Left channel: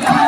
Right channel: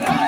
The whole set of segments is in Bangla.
Yeah.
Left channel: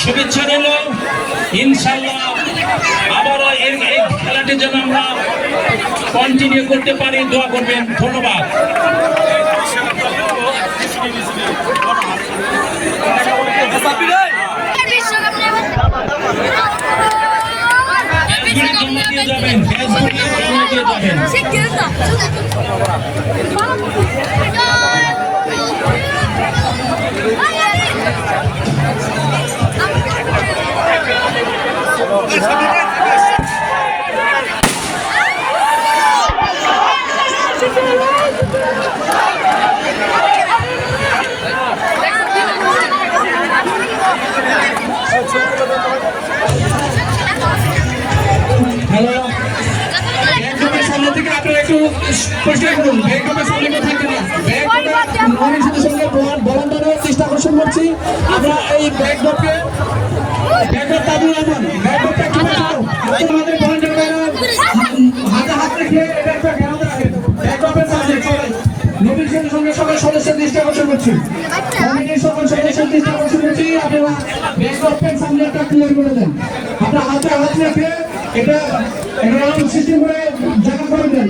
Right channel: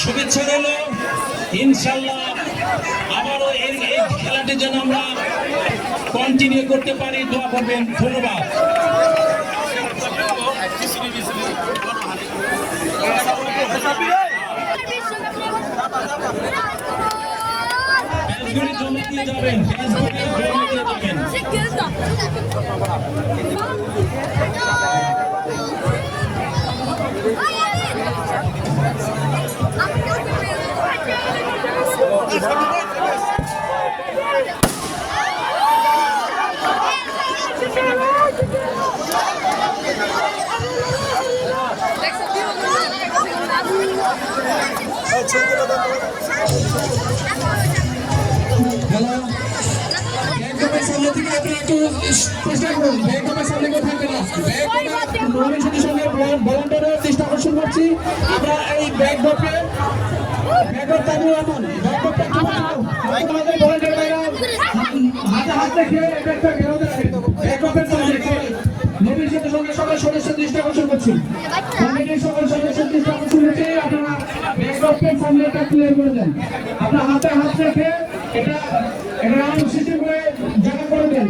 শুভেচ্ছা দিল ইনশাল্লাহ আবারও এর এই খেলাটি যেন আমরা কন্টিনিউ করতে পারি। দোয়া করবেন। ধন্যবাদ। যাবেন যাবেন করুন ব্যাংককের সামনে কেউ থাকবে না। ব্যাংককের সাথে সঙ্গে ভলান্টারির দৃষ্টি আকর্ষণ করছি আমরা এই ব্যাংককে ব্যাংকক তাবু এমন ব্যাংককটা একটু এখন আমাদের ভলান্টারি ভাইরা হাতে হাত রেখে এটা একটা ঘেরাতে রাখেন ব্যাংককের সামনে সবাই নবীর সাথে সঙ্গে সকল সদস্যের দৃষ্টি আকর্ষণ করছি কমিটির সকল সদস্যের দৃষ্টি আকর্ষণ করছি আপনারা ব্যাংককের সামনে একটা ক্লিয়ার করে দেন। আপনার হাতে হাত রেখে এটা রাউন্ড সিস্টেম করে জামা করে দেন।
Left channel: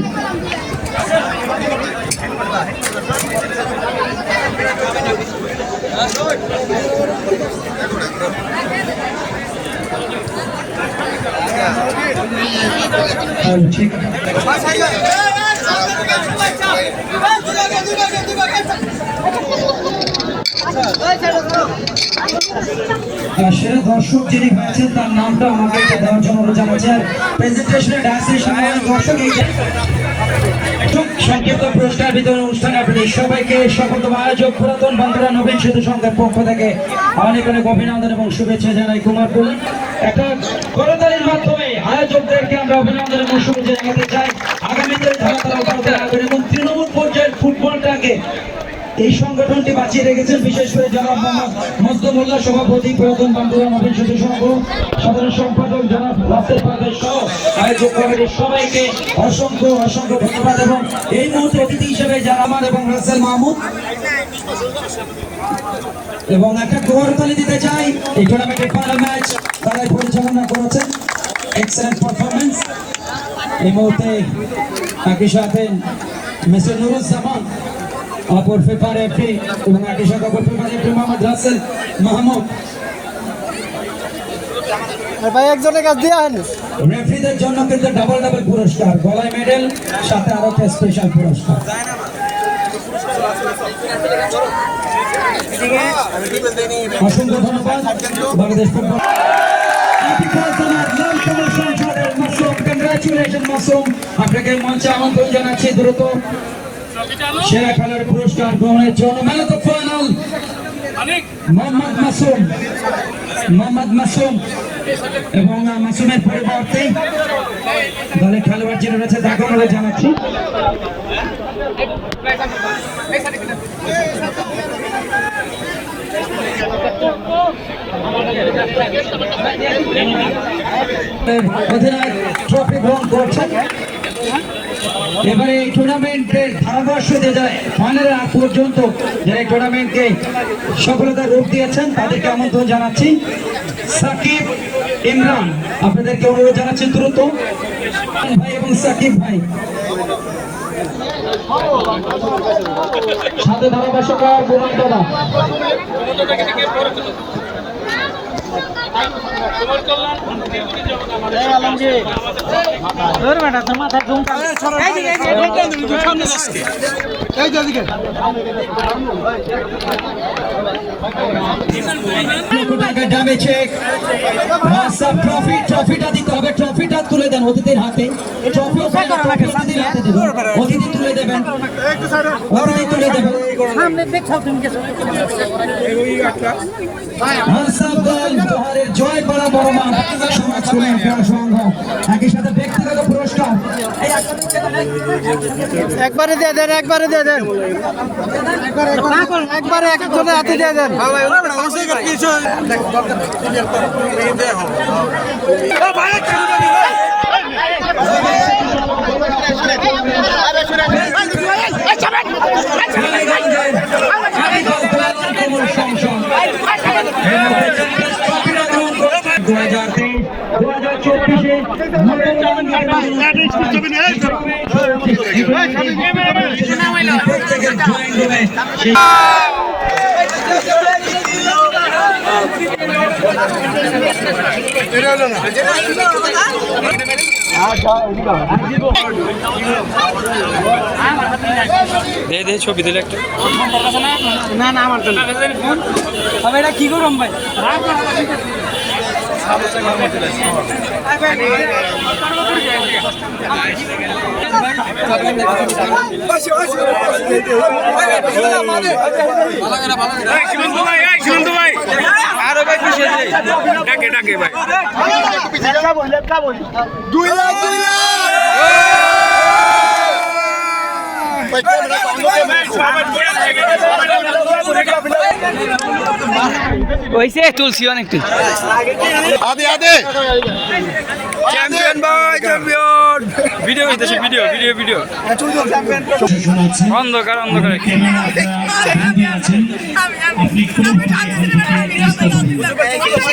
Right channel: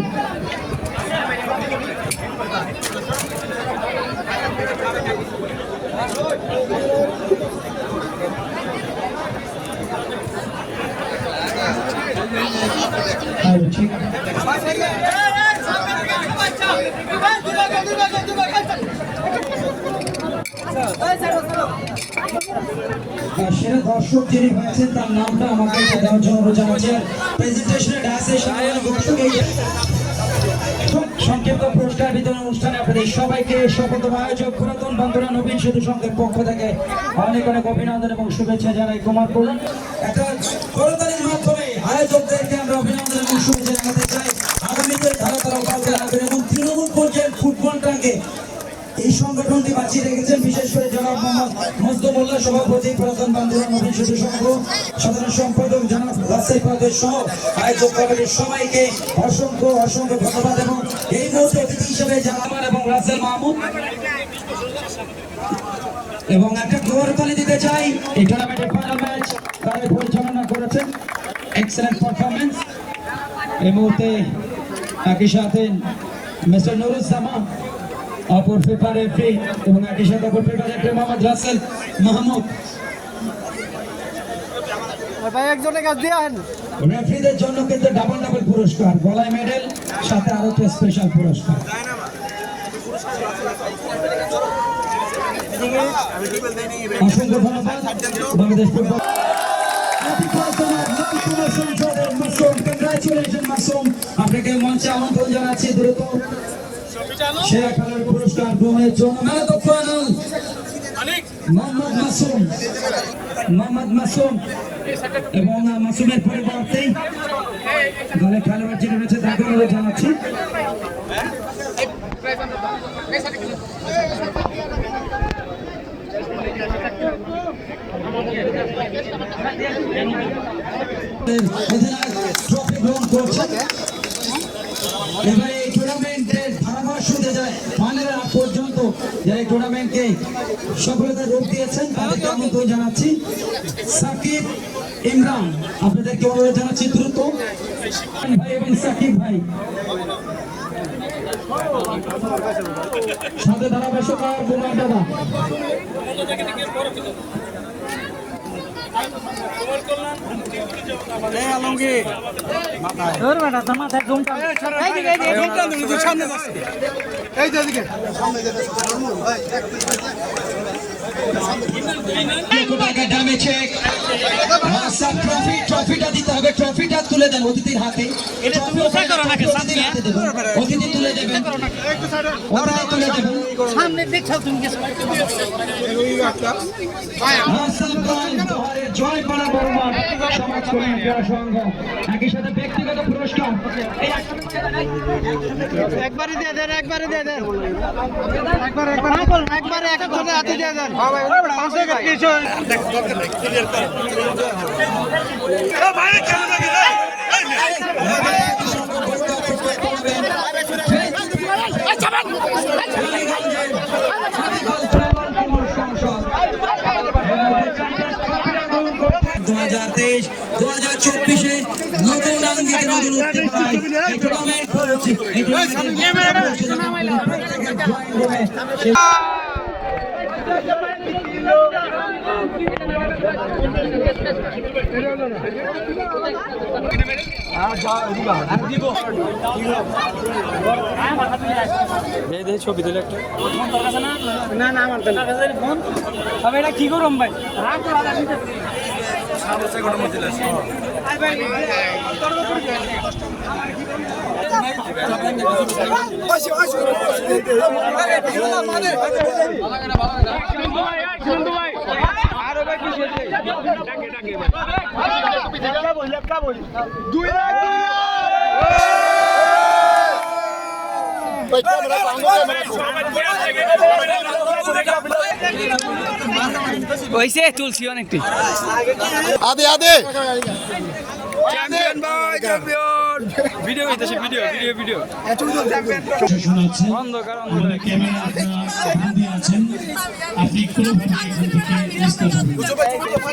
দর্শক যিনি তার নামটা আমাকে দেওয়ার জন্য প্রেজেন্টেশনে দর্শক। সংক্ষিপ্ত পুরস্কার বিতরণ অনুষ্ঠানে আপনাদের সবাইকে সকলতম আয়োজক পুরাতন বন্ধুরা, নবীন সেতু সংঘের পক্ষ থেকে অনেক অনেক অভিনন্দন এবং শুভেচ্ছা জানাই কুমার একটা করতালির মাধ্যমে জানাতে চাই রাখবেন এবং তৃণমূল পর্যায়ের ফুটবলটাকে এই সংগঠনটি বাঁচিয়ে রেখেছেন, বিশেষ করে জনাব মোহাম্মদ মজদুমুল্লাহ সভাপতি পুরাতন বান্ধবরা নবীন সেতু সংঘ সাধারণ সম্পাদক জনাব রাসেল পাদের সহ আয়োজক কমিটির সবাইকে অসংখ্য অসংখ্য ধন্যবাদ এবং এই মুহূর্তে অতিথি হিসেবে যারা এবং রাসেল মাহমুদ এবং একটা গোয়ারতালি দিতে চাই। এই টুর্নামেন্টের ফাইনাল ম্যাচ তারাই পরিচালনা করেছেন। এক্সেলেন্ট পারফরমেন্স এই মুহূর্তে একই সাথে মিস্টার নুরুজ্জামান অপর পেপার এফি এবং একই সাথে অপর পেপার এফি মোহাম্মদ রাসেল মাহমুদ। ভাই একজনের কাছ দিয়ে আহেন রেফরিদের জন্য কিন্তু ডাবল ডাবল পুরস্কার গলায় মেডেল সাথে আরও একটা স্পেশাল পুরস্কার। অসংখ্য ধন্যবাদ। বাংলাদেশ ফুটবল কংগ্রাচুলেশন মাসুম আপনাকে মঞ্চে আমন্ত্রণ জানাচ্ছি দ্রুত। সেরা খেলার পুরস্কার গ্রহণের জন্য man of final Mohammad Masum. Mohammad Masum. এবং মাসুমের পরিবর্তে দলের খেলোয়াড় যিনি রয়েছে তাকে আমরা জানাচ্ছি। অধিনায়ক গ্রহণ করছেন এবারে এই টুর্নামেন্টের ধারাভাষ্য দিয়ে যায় ফাইনালের আগ পর্যন্ত যারা এই টুর্নামেন্টকে সফলতার রূপ দিয়েছেন, তাদেরকে আমন্ত্রণ জানাচ্ছি। সাকিব, ইমরান, আপনাদেরকে অনুরোধ জানাচ্ছি দ্রুত। ভাই এবং সাকিব ভাই। সাথে ধারাভাষ্যক বোমান দাদা ট্রফিটা দিতে হবে ট্রফিটা তুলে দেন অতিথির হাতে ট্রফি অতিথি তুলে দেবেন হাসান দল পাহাড়ের জয় করা বড় মান একবারে দিয়ে দেন, একবারে দিয়ে দেন। একবারে একজনের হাতে দিয়ে দেন। দে দে ছবি দিলে একটা না না আমার তো এটা কি করম ভাই ভাই আরও ভাই খুশি ডাকে ডাকে ভাই হইছে তুলসি অনেকটি চ্যাম্পিয়ন ভাই চ্যাম্পিয়ন ভিডিও হইতেছে ভিডিও ভিডিও ভিডিও শোনাচ্ছেন অন্ধকার অন্ধকার ক্যামেরা আপনারা হাতে আছেন আপনি কোন বুঝতে পেরেছেন